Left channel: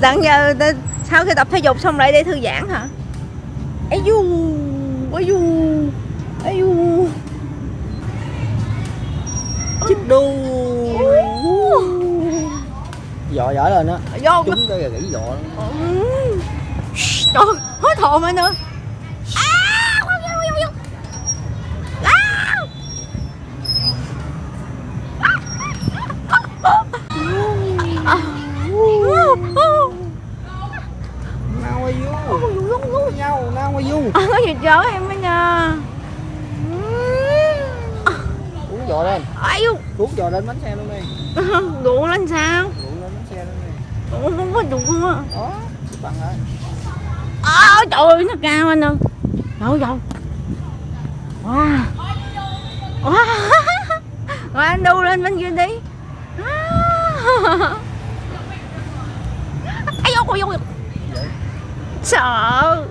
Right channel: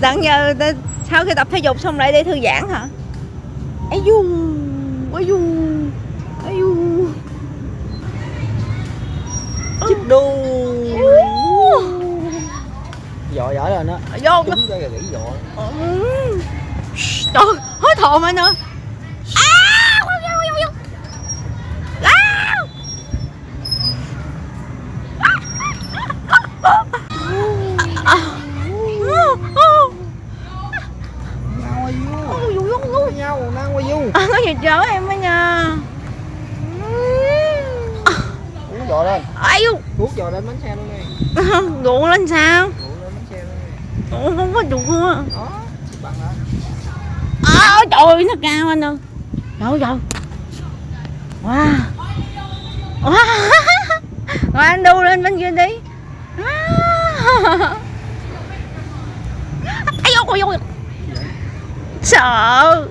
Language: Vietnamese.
Tận giờ sau khi tập thể dục xong lại để thư giãn hả? Ấy du, ấy du, ấy du. Chích đu. Dọ dở lên á. Vô. Chúng cái gãy dọ. Trời, hối thộn anh ơi. Nào qua du. Có gì chở em á nha. Uống dọ lên. Ai u. Thuốc dọ lên bánh xe luôn đi. Đụng lên sao? Uống lên bánh xe luôn đi. Ủa, không có đụng luôn á. Đó. Bằng hả? Trời ơi, nó cao anh ơi. Trời ơi. Wow. Rồi anh đu lên bên kia đi. Ai vô, sợ.